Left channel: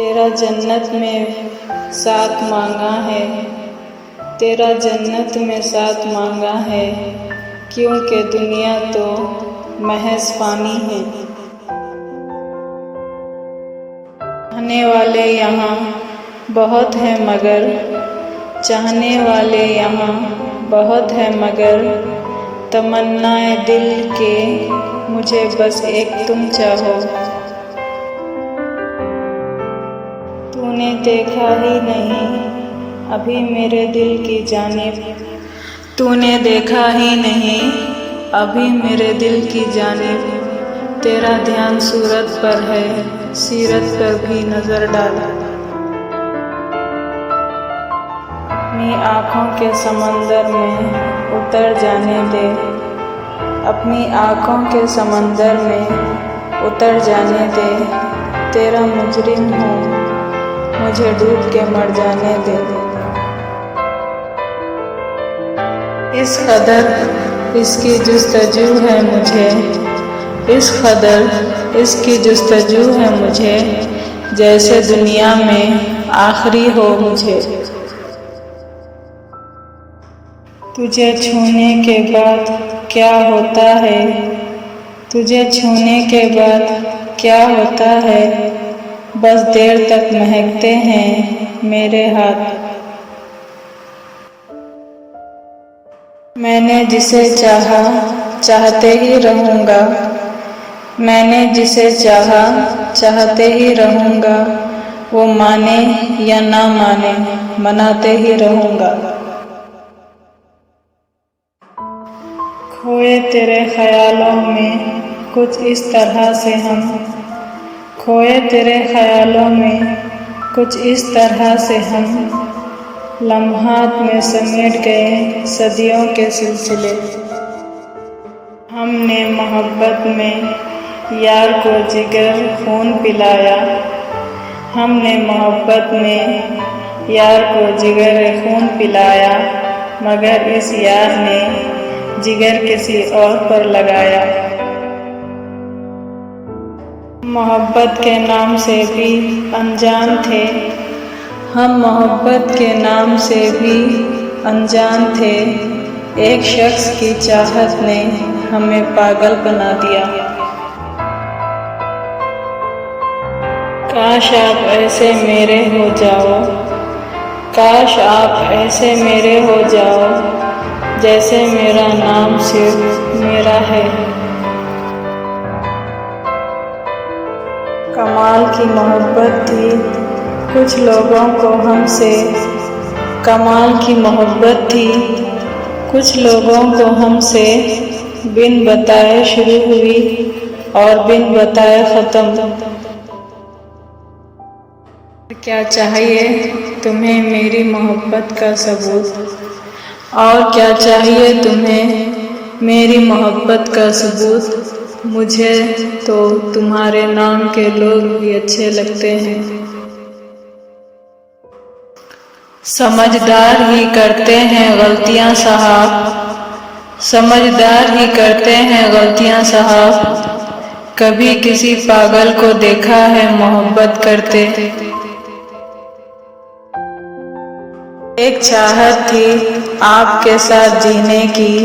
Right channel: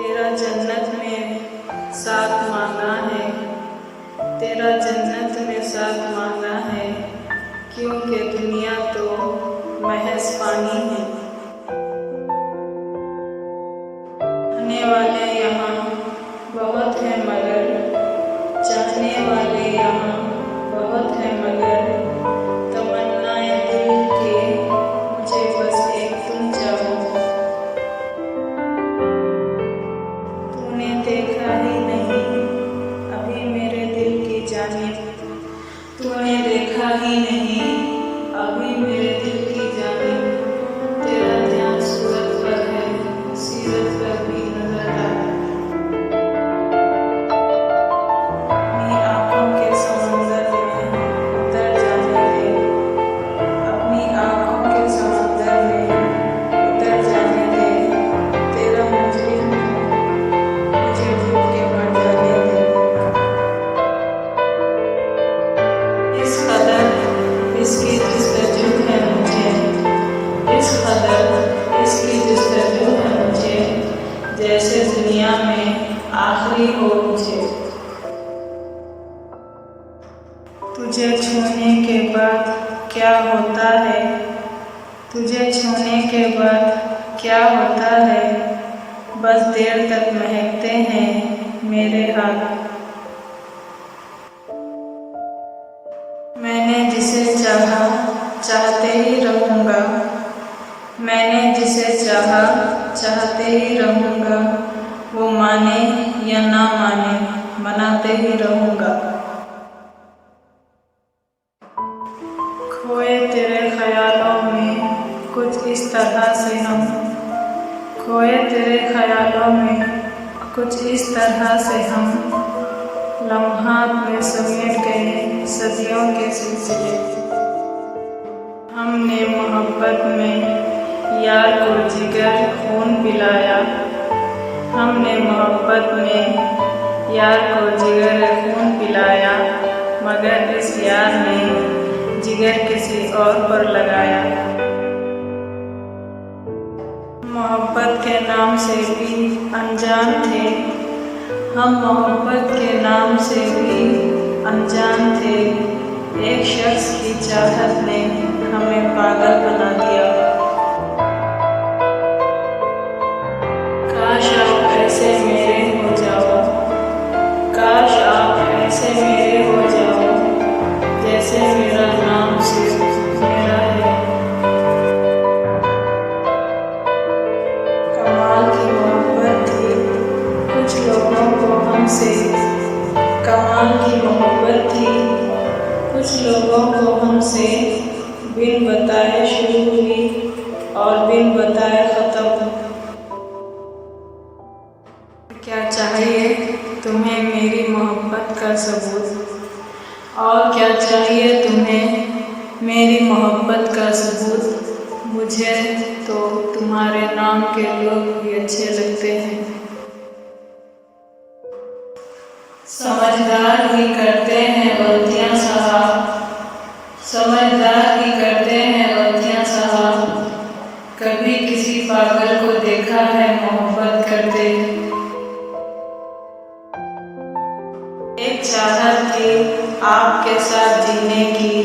तेरा जन्नत में साथ मांगा है, तेरा जन्नत में साथ मांगा है, क्योंकि दुनिया तो महज पानी है। चाहने वाले यहाँ बहुत है मगर, चाहने वाले यहाँ बहुत है मगर, तमन्नाए दिल के मुझे बस एक तुम चाहो। तूने देखा ही नहीं अभी मेरे दिल की जानिब, तूने देखा ही नहीं अभी मेरे दिल की जानिब, तेरा ध्यान सूरत पर है, सीरत पर भी नजर डाल। अपनी आँखों के समंदर में उतर जाने दे, अपनी आँखों के समंदर में उतर जाने दे, तेरा मुजरिम हूँ मुझे डूब के मर जाने दे। इस कदर इसकी जुस्तजू है मुझे, इस कदर इसकी जुस्तजू है मुझे, जैसे दुनिया में आखिरी हो मुझे। तुझे छूने के बाद क्या होता है, तुझे छूने के बाद क्या होता है, बस देर तक महकते हैं मेरे हाथ। मैंने जिसे चाहा चाहते ही रहूँगा, मैंने जिसे चाहा चाहते ही रहूँगा, वो माने या ना माने मनाते ही रहूँगा। खोए तेरे ख्यालों में कुछ इस तरह से हम, खोए तेरे ख्यालों में कुछ इस तरह से हम, लम्हात में समेट गए सदियों के सिलसिले। हमने मोहब्बत में यार को जिगर खून पिलाया, हमने मोहब्बत में यार को जिगर खून पिलाया, मगर इस यार ने जिगर किसी और पर लगाया। मोहब्बत के नाम से भी अनजान थे हम, मोहब्बत के नाम से भी अनजान थे, एक शख्स की चाहत ने हमें पागल बना दिया। काश आप ऐसे मेरे हो जाओ, काश आप ऐसे मेरे हो जाओ, जैसे मेरा नाम सिर्फ मेरा है। कमाल की मोहब्बत थी कुछ लोगों को हमसे, कमाल की मोहब्बत थी कुछ लोगों को हमसे, बिन बताए शुरू हुई और बिन बताए ख़त्म। क्या चाहिए तुम्हें मेरी मोहब्बत का सबूत, और क्या चाहिए तुम्हें मेरी मोहब्बत का सबूत, मुझे तो तुम्हारे नाम के लोग भी अच्छे लगते हैं। समझदार ही करते हैं गलतियां साहब, समझदार ही करते हैं गलतियां साहब, कभी किसी पागल को देखा है मोहब्बत करते। एक चाहत थी आपके साथ जीने की,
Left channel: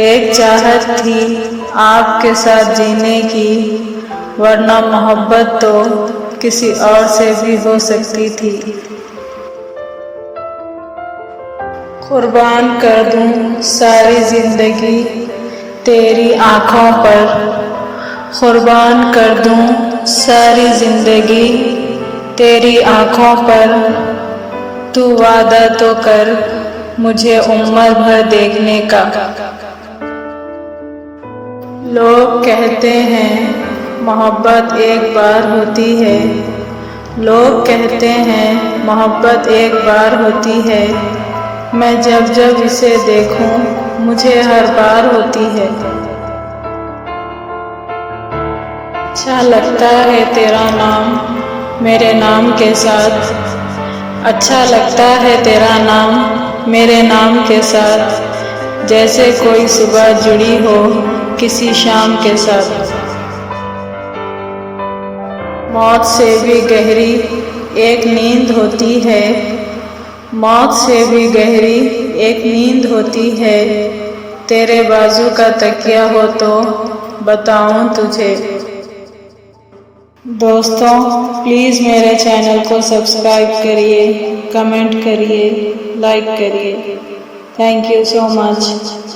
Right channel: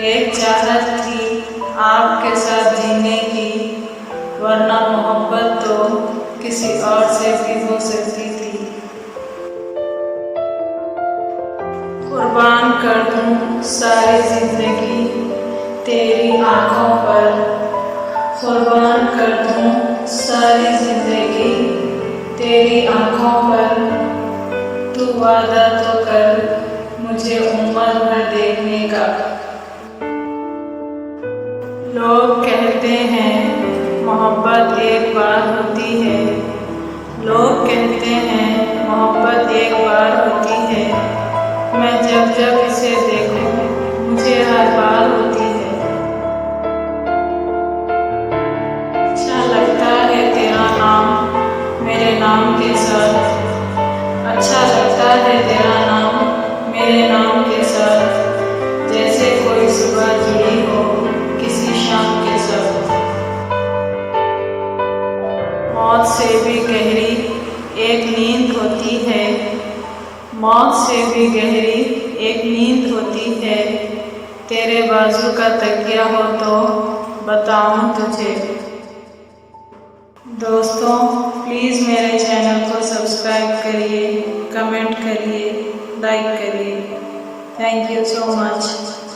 एक चाहत थी आपके साथ जीने की, वरना मोहब्बत तो किसी और से भी हो सकती थी। कुर्बान कर दूं सारी जिंदगी तेरी आँखों पर, कुर्बान कर दूं सारी जिंदगी तेरी आँखों पर, तू वादा तो कर मुझे उम्र भर देखने का। लोग कहते हैं मोहब्बत एक बार होती है, लोग कहते हैं मोहब्बत एक बार होती है, मैं जब जब इसे देखूं मुझे हर बार होती है। अच्छा लगता है तेरा नाम मेरे नाम के साथ, अच्छा लगता है तेरा नाम मेरे नाम के साथ, जैसे कोई सुबह जुड़ी हो किसी शाम के साथ। मौत से भी गहरी एक नींद होती है, मौत से भी गहरी एक नींद होती है। तेरे बाजू का तकिया हो तो बताऊं तुझे। दोस्तों, प्लीज़ मेरे चैनल को सब्सक्राइब करिए, कमेंट करिए, लाइक करिए। Thank you so much.